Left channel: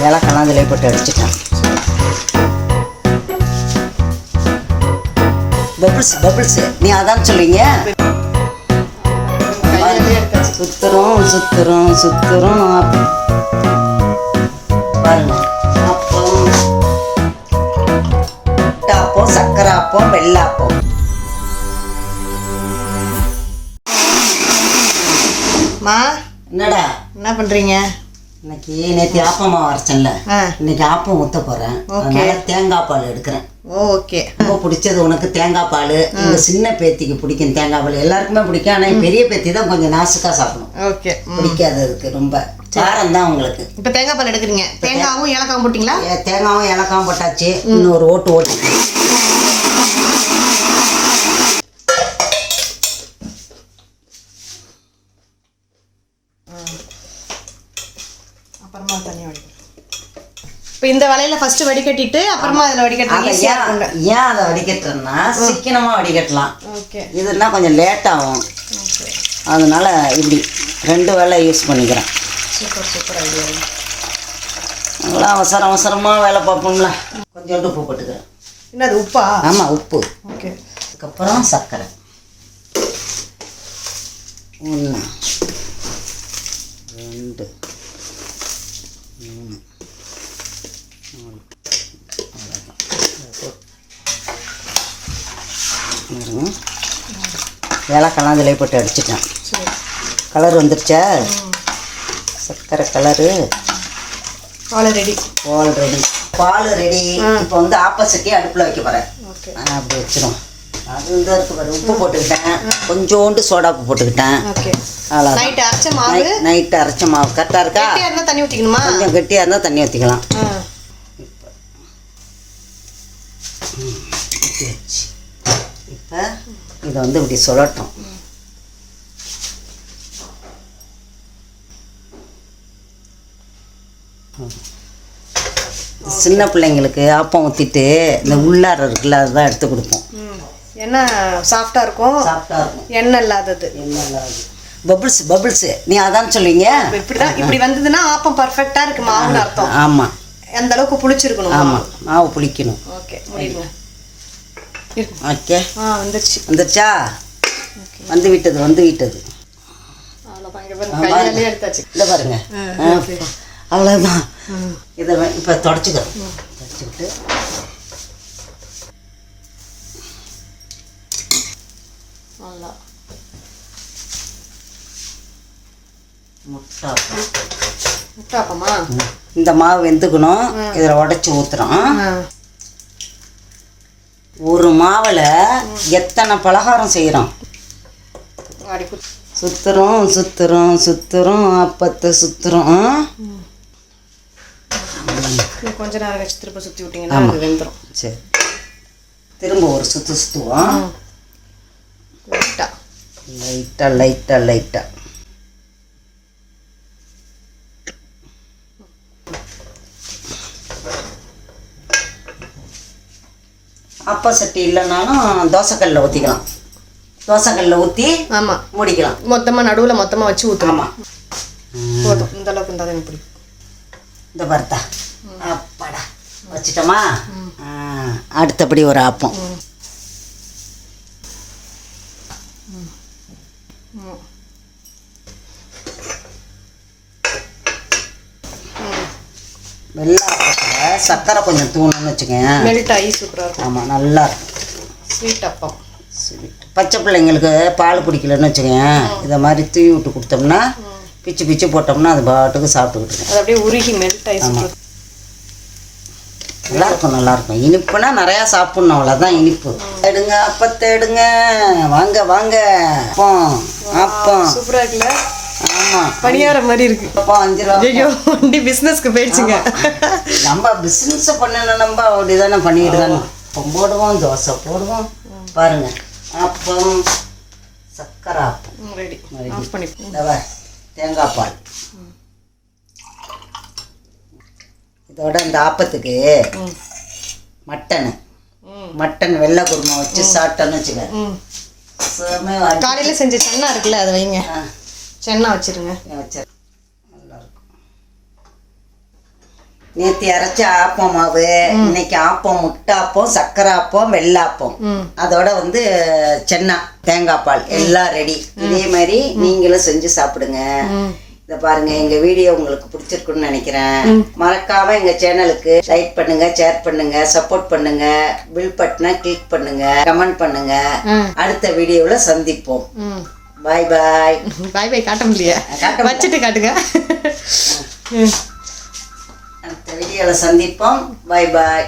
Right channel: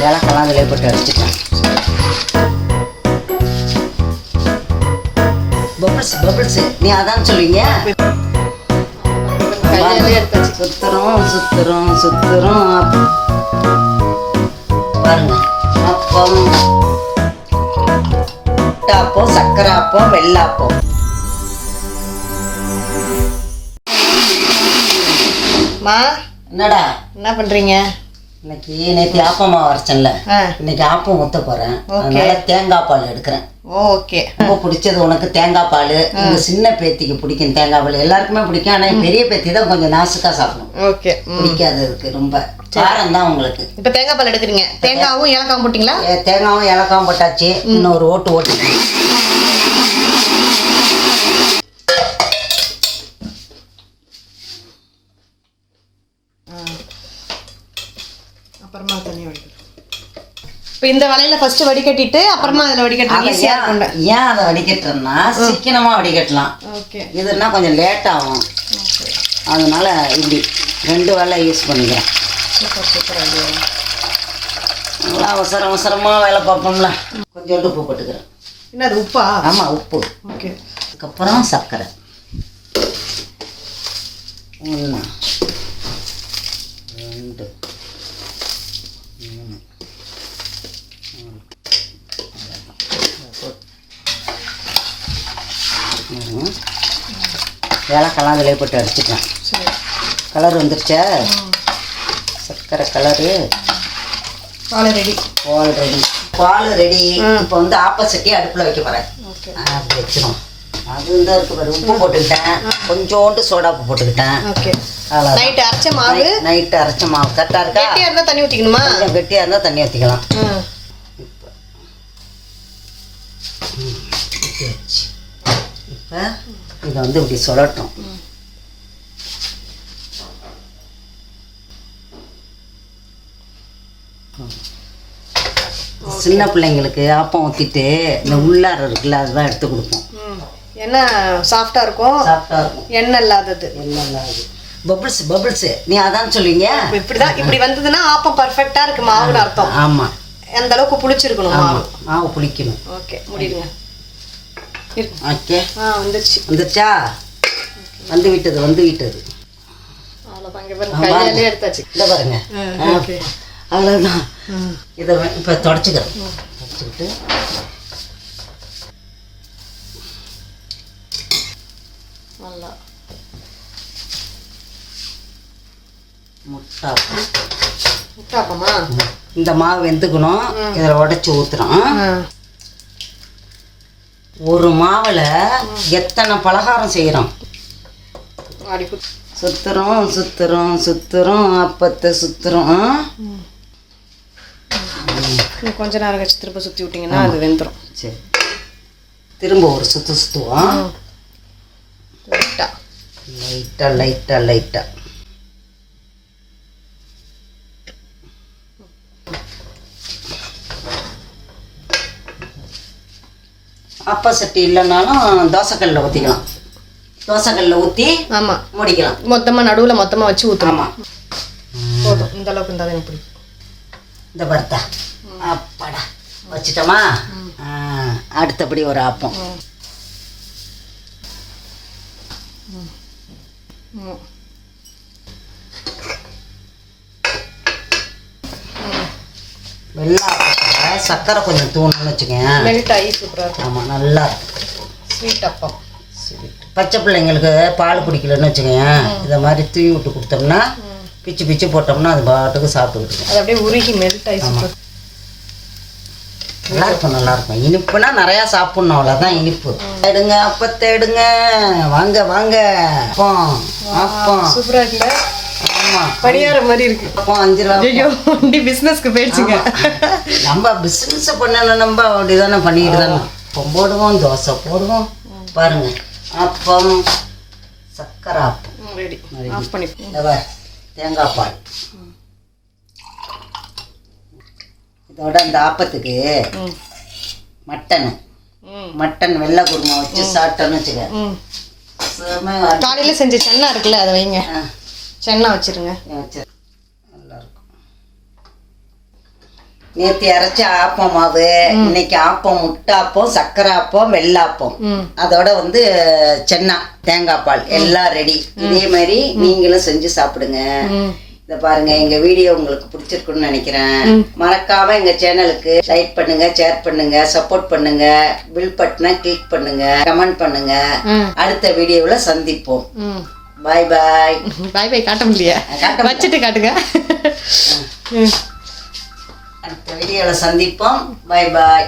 விளக்கெல்லாம் அதில் போட்டு வச்சுட்டேன் பபிள்ஸ் பபிள்ஸ் நீ அதான் சொல்லுவீங்க? சுத்துறோம் சுத்துறோம் சுத்துறோம். பாருங்க அப்பம். அப்பம் சக்கரை அப்பம் வெள்ளாப்பம் மா என்னடா? என்ன பண்றீங்க? இன்னைக்கு நேற்று ஆப்பமா வரைச்சேன்ல. இன்னைக்கு ஆப்பம் ஊத்த போறேன். Okay. அதனால தேங்காய் பால் எடுக்கிறேன். ஓகே. ரொம்ப பிடிச்சது உனக்கு தேங்காய் பால். எங்க சின்ன பேத்திக்கு பிடிக்கும் தேங்காய் பால். எல்லாருக்குமே பிடிக்கும். ஆனா என் பெரிய பேத்தி தான் கொஞ்சம் நாசுக்கா சாப்பிடும். ஓகே. பிடிக்காது அதுக்கு ரொம்ப. காரம் தான் உங்களுக்கு. இப்போ தேங்காய் பால் எடுக்கிறீங்க. தேங்காவும் ஏலக்காவும் போட்டிங்களா? ஏ, தேங்காவும் ஏலக்காவும் போட்டாச்சு. இன்னும் ஒரு ஓட்டு ஓட்டு அப்புறமா தண்ணி வடிக்கணும் இப்போ இந்த வலையில ஃபர்ஸ்ட் வடிகட்டிட்டு அப்புறமா அதில் வடிகட்டுறது அதை ஈஸியாக ஏன் இருக்கும்ல. ஏன் அதை வடிகட்டுறேன்னா சிக்கனமா வடிகட்டலாம். ஓகே. இதுன்னா கொஞ்சம் லேட் ஆகும். அதனால இப்படி ரெண்டு வேலை யூஸ் பண்ணிக்கிறேன். Super super idea. நல்லா அவசர அவசரமா வேலை பார்ப்போம்ல. கொஞ்சோண்டு உப்பு போட்டுக்கிறேன். என்னது உப்பா? ஆமா உப்பு. ஓகே. அதுக்கப்புறம் சர்க்கரை. ஒன்று ரெண்டு. மூணு ஏலக்கெல்லாம் அதில் போட்டு அடிச்சுட்டேன் கலர் வந்துருச்சா? சர்க்கரை கலரு பால் ரெடி. பால் ரெடி. பால் ரெடி. இப்போ வந்து ஆப்போசிட்டே அடுப்பில் வைக்க போகிறேன் அப்படி வச்சிடும் அது தான் இருக்கு பாரு. உப்பு போட்டுக்கிட்டேன். கொஞ்சோண்டு சோடா உப்பு போட்டுக்கிட்டேன். ஓகே. அவ்வளோ நைட் அரைச்ச மாவு? நைட்டு அரைச்ச மாவு. கரெக்டாக இருக்கா? கெட்டியாக இருந்தால் தண்ணி ஊற்றிக்கணுமா கெட்டியாக இருந்தால் தண்ணி ஊற்றிக்கலாம் இதை வந்து இப்படி சொல்லட்டும். சின்ன பிள்ளைங்களுக்கு ஆப்பம் ஊற்றிட்டு இந்த உள்ளார இருக்குல்ல அதுதான் எடுத்து கொடுப்போம். ம். என்ன சாஃப்டாக இருக்கும்? சாப்பிட்டா இருக்கும். எண்ணெய் இல்லாதது. பபிள்ஸ் பபிள்ஸ் நீ அதான் சொல்லுவீங்க இப்போ இப்படி தான் இப்படி வந்ததுன்னா ஆப்பம் பர்ஃபெக்டாக இருக்கு மாவுன்னு அர்த்தம். ஆமாம் அந்த அளவுக்கு புளிச்சிருக்கணும் மாவு? மாவு புளிக்கணும். ஓகே முடியுங்க ஆ வந்துருச்சு. வந்துருச்சா? வந்து விட்டது வந்து விட்டது. எடுத்தாச்சு. இல்லை பாருங்க. அவ்வளோதான் இதை இப்போ தொடச்சிக்கிறேன் தொடச்சிக்கிட்டு. நல்லா. முட்டாப்பமா இந்த மாவு வெந்துக்கணும். இதில் உடச்சி ஊற்றுறோம் ஒரு மாவில் எத்தனை பலகாரம் செய்கிறோம் சுற்றுறோம் சுற்றுறோம் சுற்றுறோம் அப்பத்தை இன்னும் கொஞ்ச நேரம் கழிச்சு திரும்ப சுற்றி விட்டிங்கன்னா அது வெந்துடும் சரி. திரும்ப ஒரு சுற்று சுற்றுவோம் லைட்டாக லைட்டாக லைட்டாக லைட்டாக அப்பா சட்டி இல்லைனாலும் தோசைக்கல்லில் ஊற்றிக்கலாம் தோசைக்கல்லில் ஊற்றி ஆமாம் மூடிக்கலாம். மொத்தமாக நடுவில் மொத்தமாக வச்சு ஊற்றணும் ஆமாம் போதும். இந்த அளவுக்கு இருந்தால் எனக்கு பிடிக்கும் இந்த பருத்தா. அப்பாடா. வச்சிட்டோமா? அடுத்தபடி ஒரு ஆப்பம். ம். சர்க்கரை கொஞ்சம் தூணுன்னு வச்சுக்கோங்க மெல்ட் ஆகி சூப்பராக ஆமாம் நல்லா இருக்கும். ஸ்வீட் அப்பம். Sweet. பச்சை பிள்ளைங்களுக்கு பால் குடிக்கலன்னு வச்சுக்கோங்க இதை மாதிரி தூவி விட்டு கொடுத்தோம்னா பிச்சு பிச்சு போட்டோம்னா அது பாட்டுக்கு சாப்பிட்டுக்கிட்டு. அது அப்படியே உருகி மெல்ட் ஆகி நல்லா இருக்கும் நல்லா இருக்கும் இனிப்புனா நிறையா சாப்பிட்ணும் அவ்வளோதான் இனிப்பு. எடுங்க அப்பத்தை எடுங்க. வாங்க வாங்க. அப்பம் அப்பம். சூப்பராக இருக்குல்ல? ஆமாம் பணியார மாதிரி இருக்கு. அப்பம் அஞ்சு ரூபா. ஐயோ வண்டி பிஸ்னஸ்க்கு போயிடுச்சுங்க. நம்ம பிஸ்னஸ் பண்ணணும் நம்ம அப்படி தானே பண்ணிக்கிட்டு தானே. அப்பம் போடுவோம் தோசை போடுவோம். பாருங்க. அப்பம் சக்கரை அப்பம். ரெடி ஆஃப் பண்ணி தேங்காய் பால். இதோட இந்த ஆப்பத்துக்கு மட்டனு. மட்டன் வெள்ளை குருமா வச்சு சாப்பிட்டோன்னு வச்சுக்க. காலையில் செஞ்ச சென்னா இருக்குல்ல அதை வைங்க. சென்னா வச்சிருங்க. வச்சு நல்லா இருக்கும் நேற்று அரைச்ச ஆப்பம் மாவு இன்னைக்கு ஆப்பம் முட்டாப்பம் சக்கரை ஆப்பம் வெள்ளாப்பம் அதோட வந்து சென்னா தேங்காய் பால் எல்லாம் ரெடி. இதே மாதிரி நீங்களும் செஞ்சு சாப்பிடுங்க. இத பாருங்க எங்க வீடியோ உங்களுக்கு பிடிச்சிருக்குன்னு நினைக்கிறேன். மறக்காம எங்க சேனலுக்கு லைக் பண்ணுங்க ஷேர் பண்ணுங்க சப்போர்ட் பண்ணுங்க பில் பட்டனை கிளிக் பண்ணுங்க கமெண்ட் பண்ணுங்க. அடுத்த வீடியோவில் சந்திப்போம். பாய் பாய் பாய் பாய் காட்ட முடியல. வச்சுட்டு காட்டுங்க. அடுத்த வீடியோவில் சந்திப்போம். பாய் பாய்